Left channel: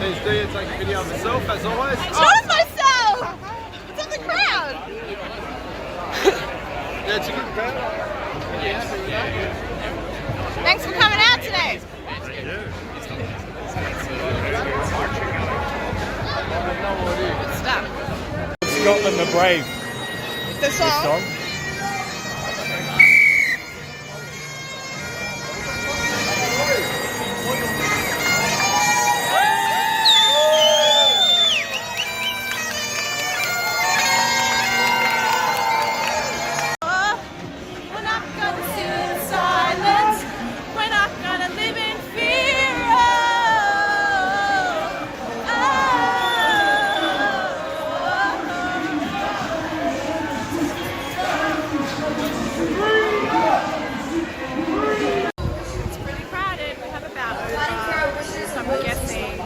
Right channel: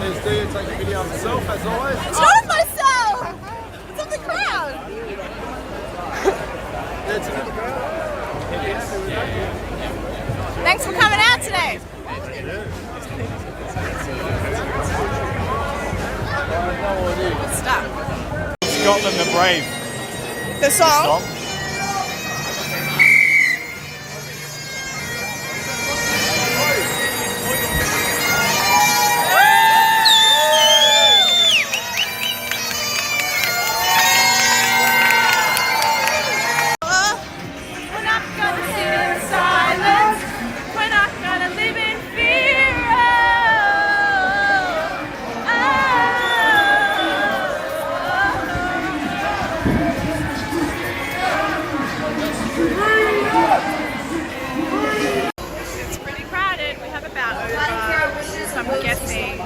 It's like a video of yourself, as always. It's not of myself! It's of the crowd! Yeah, it's a good crowd. Thanks for coming out today. Thank you. Good stuff. Scotland the Brave. The song? I'm guessing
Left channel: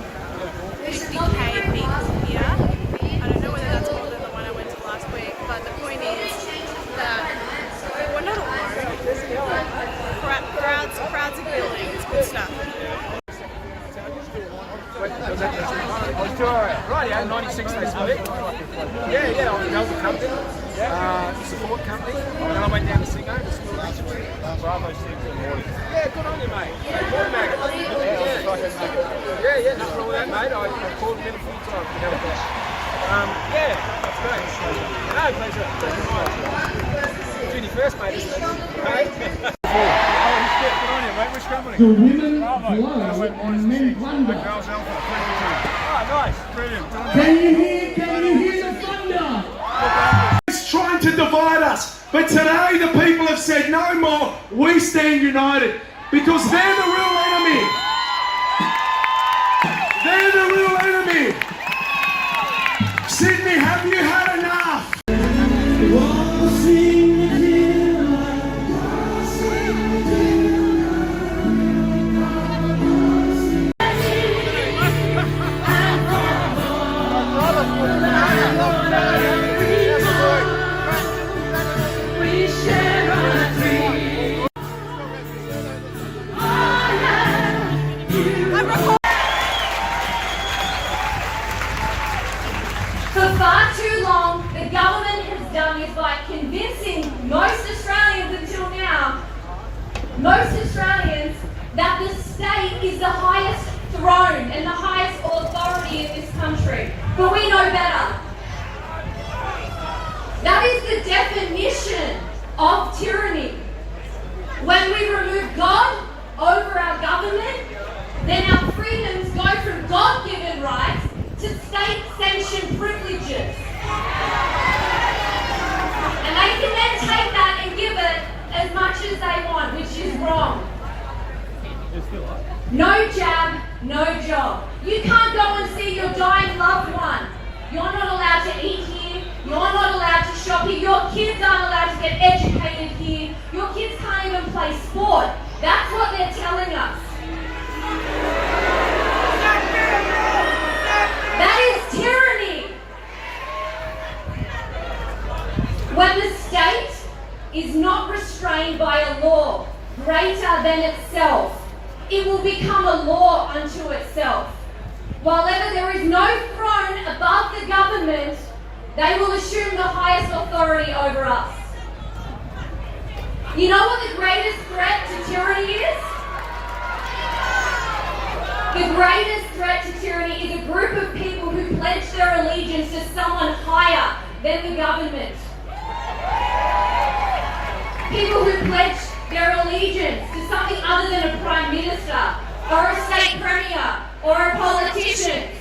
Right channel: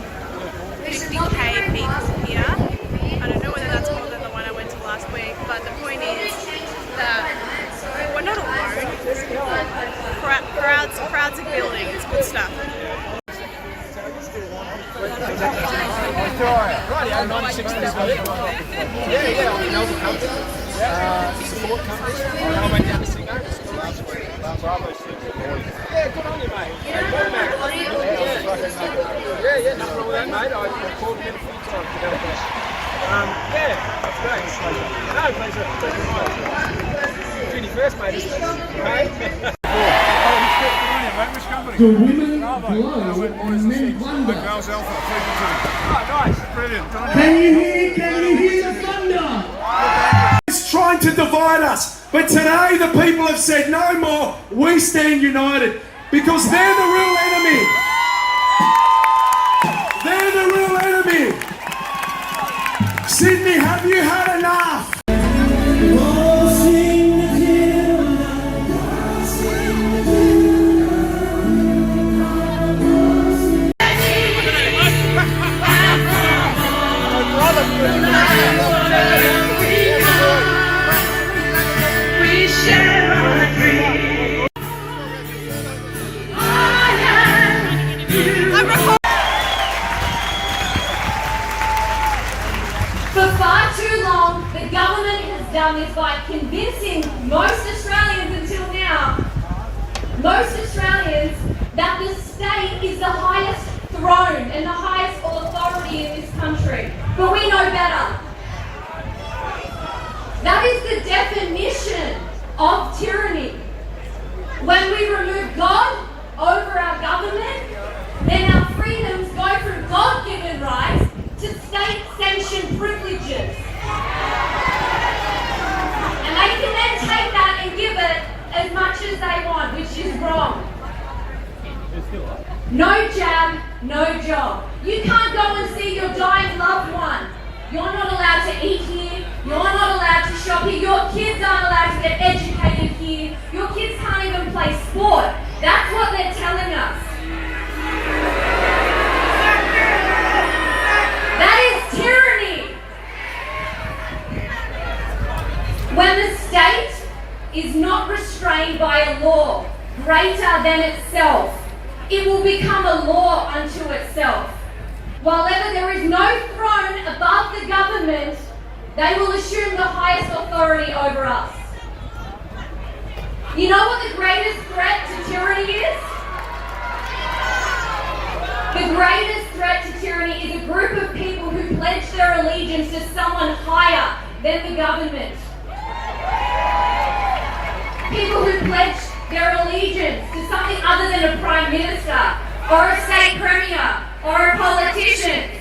50k people here. I don't know whether that's more than the one I went to last week, but the point is that we're not alone. Crowds are building. It's good stuff. Right, 96 this week. Yeah, I was in Melbourne company, support company, and then I went down to Sydney to school. Bravo 6 in the morning. Yeah, good on you, mate. Yeah, nothing wrong with that, mate. I called him in full time to help out. Yeah, that's great. No, pleasure mine. Junior first, mate, isn't it? Hey? The women glow and men wonder. Girls Alpha, 3 Oh, nice. Brilliant. Can you hear the thunder? It's trying to divide us, but today the people have said no more. We stand united because they're the real enemy. They're the real enemy. Sydney, have you had enough? For far too long, the government has done this by convincing most Australians until now, that the state is the highest throne and the highest authority in this country. But we know better. That is the definition of tyranny. When we remove God over our government, then our freedoms go from God-given rights to state-sanctioned privileges. And they can then take that and give it as much as they want, which is wrong. No jab, no job. You can't go and see your dying loved one. You're not allowed to eat here. You're not allowed to shop here. Your kids aren't allowed to get educated here. Your kids can't even play sport. That's what they're telling us. That is tyranny. When the state is not restrained by a law greater than itself, it will become a law unto itself. While ever there is no throne above the government, they will assume the highest authority over us. You know what the greatest threat to tyranny is? The greatest threat to tyranny is a group of people who pledge their allegiance to someone higher than the government. People who pledge their allegiance to something other than a prime minister, or a state premier, or a politician.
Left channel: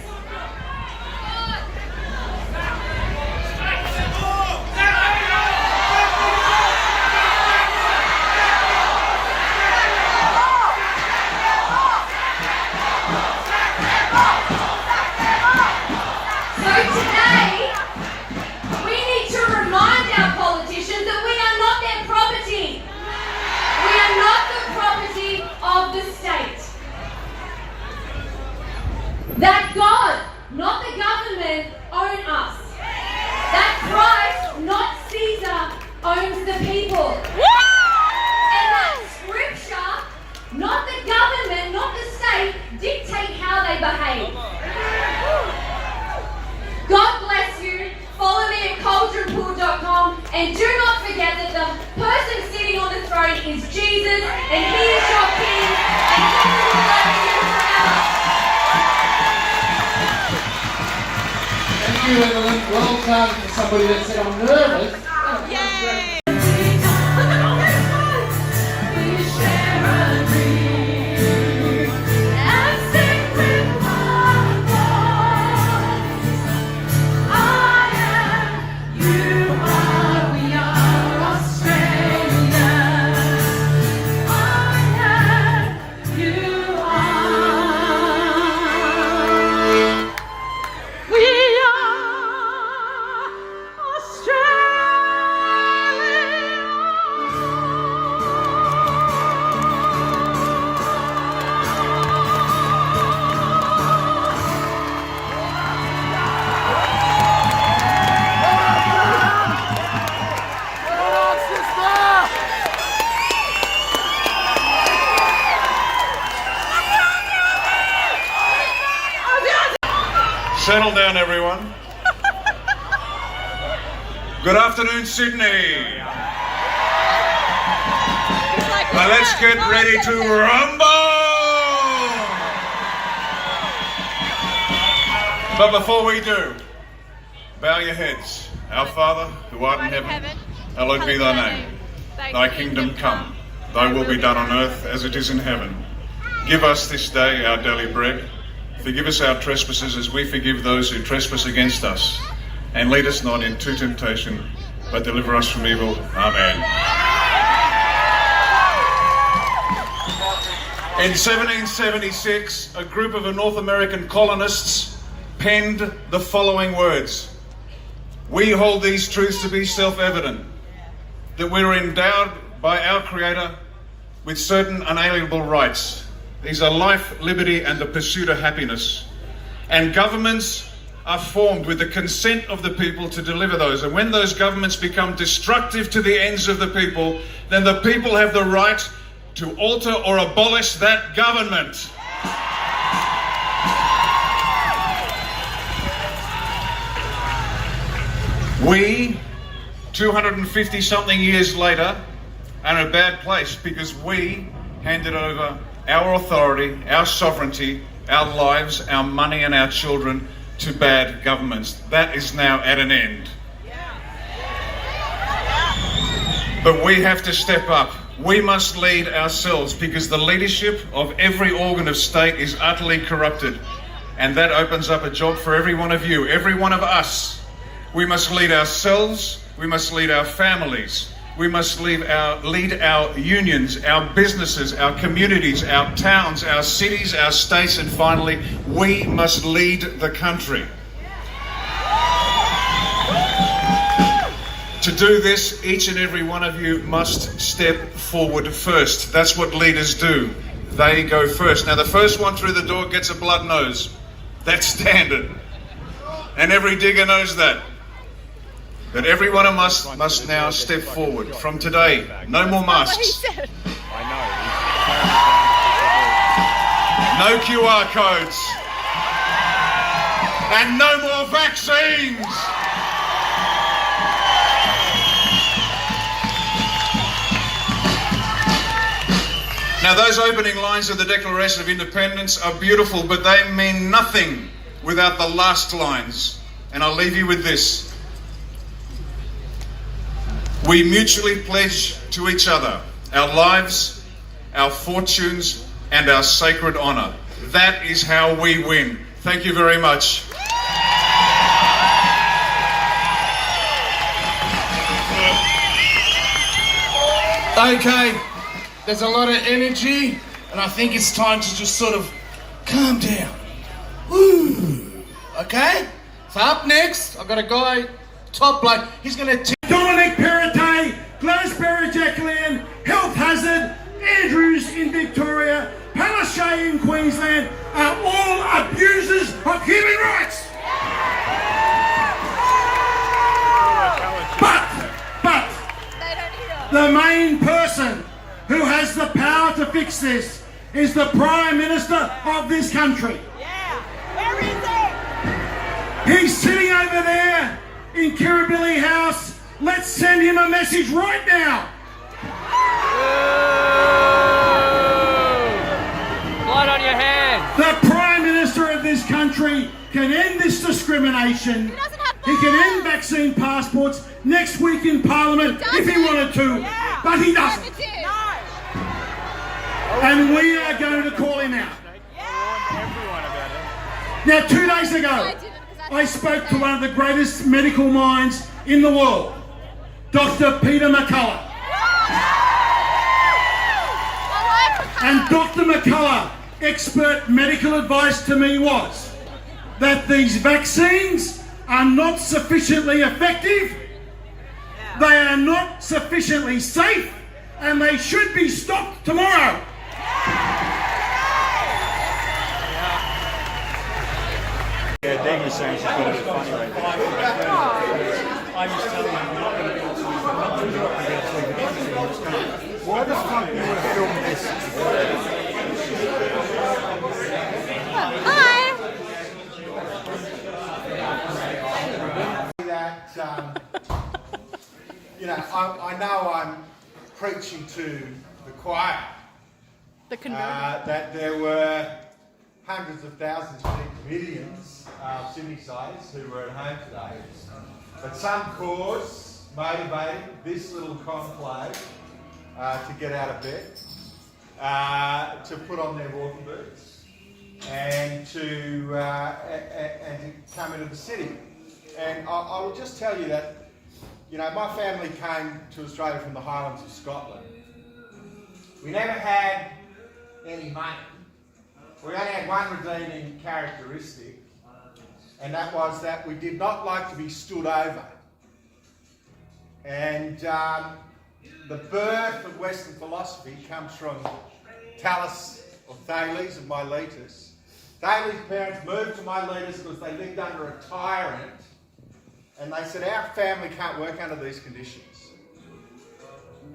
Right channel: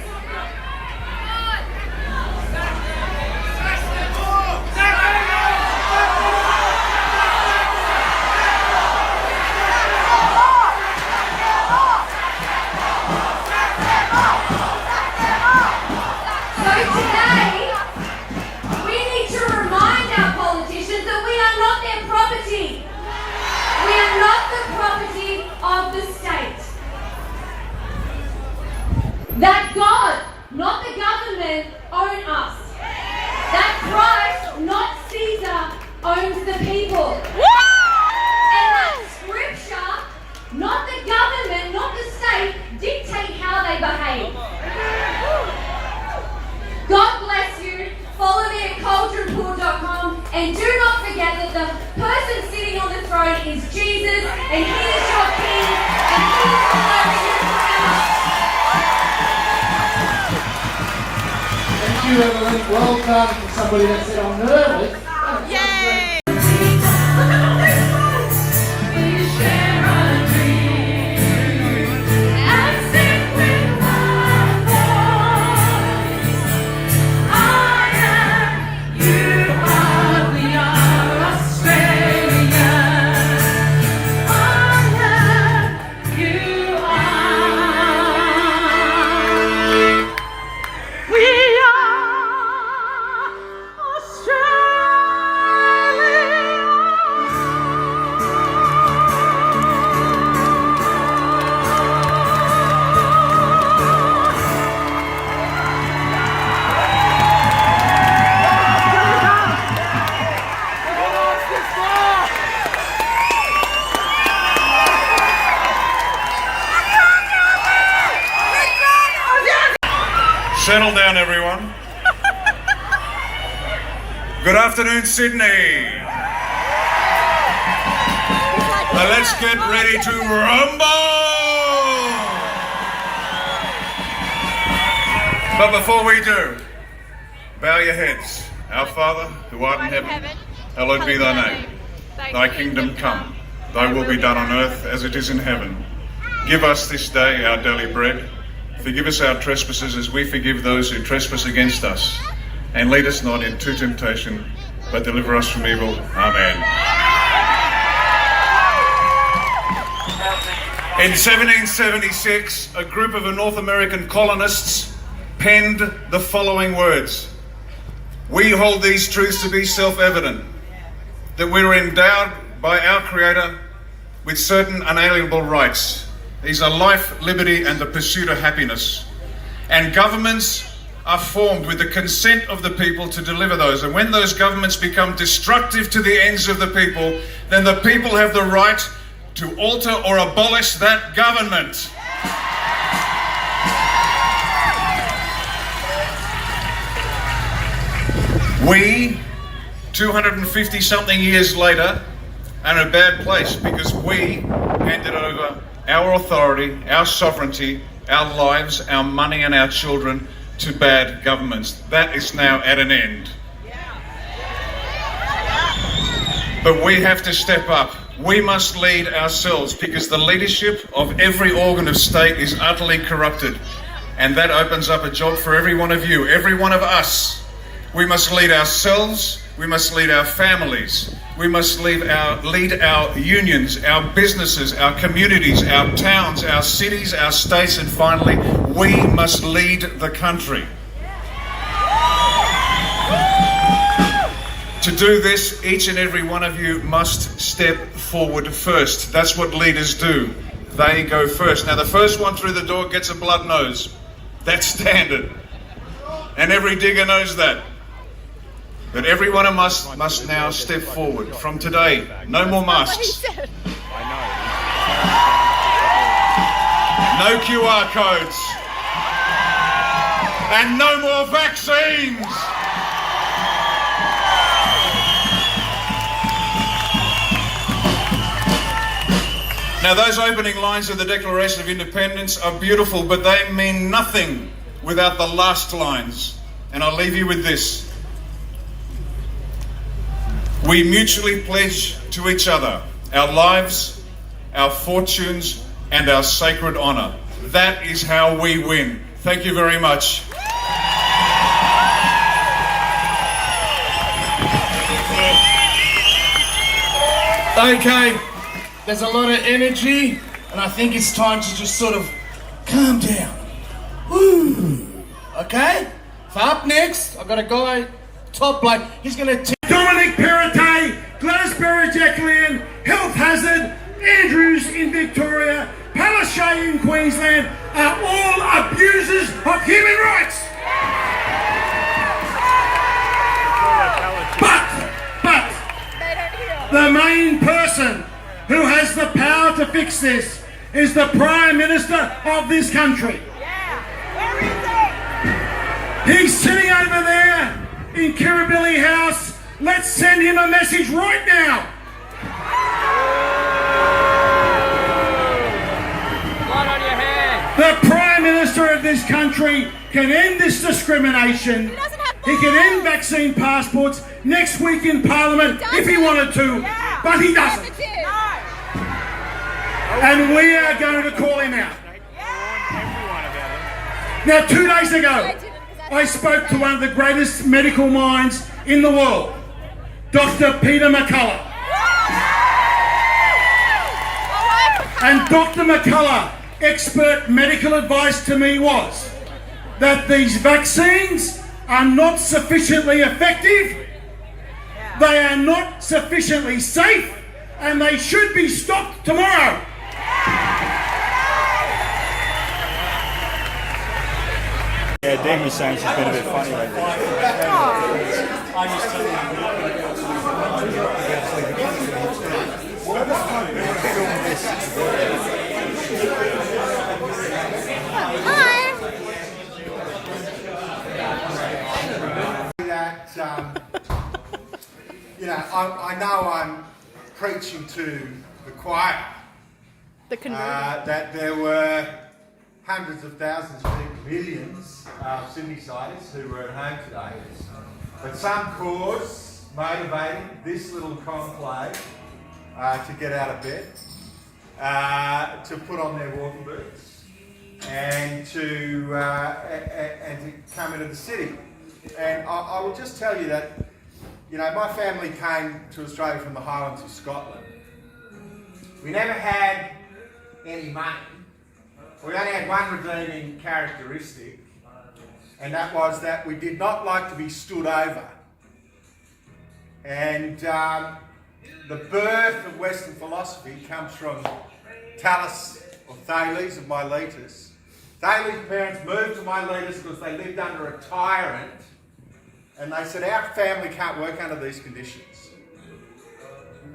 That God And do not forget that the person sitting on the throne is Jesus, and he is your king, and he will bless you forever. Thank you, Evelyn. Well done for somebody that said I'm nervous. Yay! Settle down, everyone. Good afternoon, Sydney. Well, let's get ready to rumble. But before we do, bow your heads. Our Father, who art in heaven, hallowed be thy name. Thy kingdom come. Thy will be done on earth as it is in heaven. Give us this day our daily bread. Forgive us our trespasses as we forgive those who trespass against us. And lead us not into temptation, but deliver us from evil. Amen. In 1776, a group of North American colonists penned the following words. We hold these truths to be self-evident, that we are endowed by our Creator with certain unalienable rights. These are life, liberty, and the pursuit of happiness. And governments are formed with the consent of the people to deliver those. And when those governments become destructive to the ends of the people, then the people have the right to alter or abolish that government. We, 250-something years later, are in a bad place because we handed over our authority, our sovereignty, our lives, our money and our children to bad governments. That is now at an end. But we have to step up. We must lead ourselves because the leadership of every organ of state is utterly corrupted. And that opens up a job for every one of you, every one of us. We must lead ourselves, we must lead our families, we must lead our unions, our businesses, our communities, our towns, our cities, our states, and finally, we must lead the country. To do this, each and every one of you must step forward first. That's what leaders do. They go first. Now, the first one through the door gets a blood nose. That's standard. And every digger knows that. But every one of us must now step forward. From today, no more masks. No QR codes. And no more vaccines. Now, those opening lines of the Declaration of Independence are beautiful, but they mean nothing without the last lines. And I'll leave you with this. We mutually pledge to each other our lives, our fortunes, and our sacred honour. That is how we win. Thank you very much. Okay, there's a lot of energy, and I think it's time to just sort of calm down. Woo. Okay? So up next, I've got a guy, top bloke, he's going to... Dominic Perrottet, Gladys Berejiklian, Health Hazard, Andrews in Victoria, Palaszczuk in Queensland are all abusers of human rights. But the main person who has the power to fix this is the Prime Minister of this country. He's sitting over there in Kirribilli House Let's send him a message right now. Blood on your hands. The Prime Minister of this country can end this discrimination. He can end vaccine passports next week in Parliament if he wanted to, but he doesn't. And we are going to call him out. Everyone about it. Now, 2 days ago, I spoke to one of the greatest medical minds in the world, Dr. Peter McCullough. And Dr. McCullough, expert medical advice to me was that these vaccines are not sufficiently effective, they are not sufficiently safe, and they should be stopped tomorrow. Yeah, Dean was saying she's been a bit funny lately. I just tell I know I'm preaching to the choir. The converted. That there were hundreds of thousands, millions of Sydney-siders who were at home today. But some cause motivating this little conclave to get out of bed, to put on their walking boots, and to come into the city. And I will just tell you that, my family came to Australia from the Highlands of Scotland. We never had any money. We only had one redeeming characteristic, and that was that we did not like to be stood over. And the birth of Western philosophy comes from Thales, or Thales of Miletus. Thales' parents moved to Miletus because they lived under a tyrant, and they said, our family can't work under these conditions.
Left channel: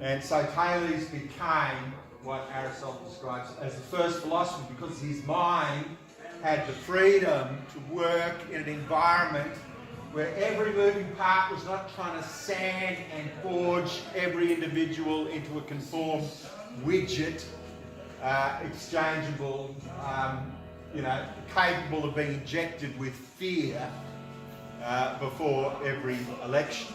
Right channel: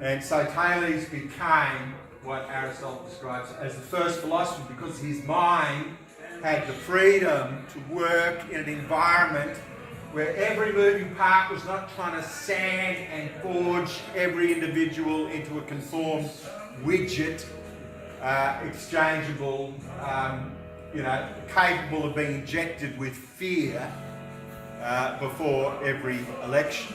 And so Thales became what Aristotle describes as the first philosopher, because his mind had the freedom to work in an environment where every moving part was not trying to sand and forge every individual into a conformed widget, exchangeable, capable of being injected with fear before every election.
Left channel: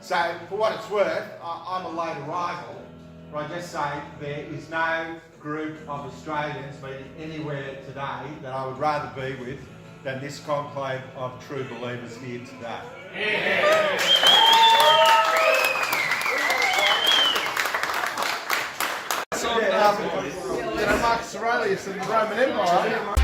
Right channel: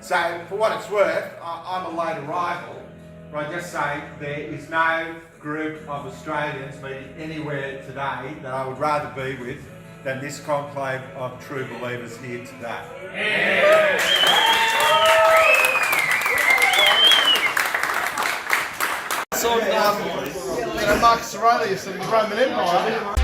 So, for what it's worth, I'm a late arrival, but I just say there is no group of Australians meeting anywhere today that I would rather be with than this conclave of true believers here today. Marcus Aurelius and the Roman Empire.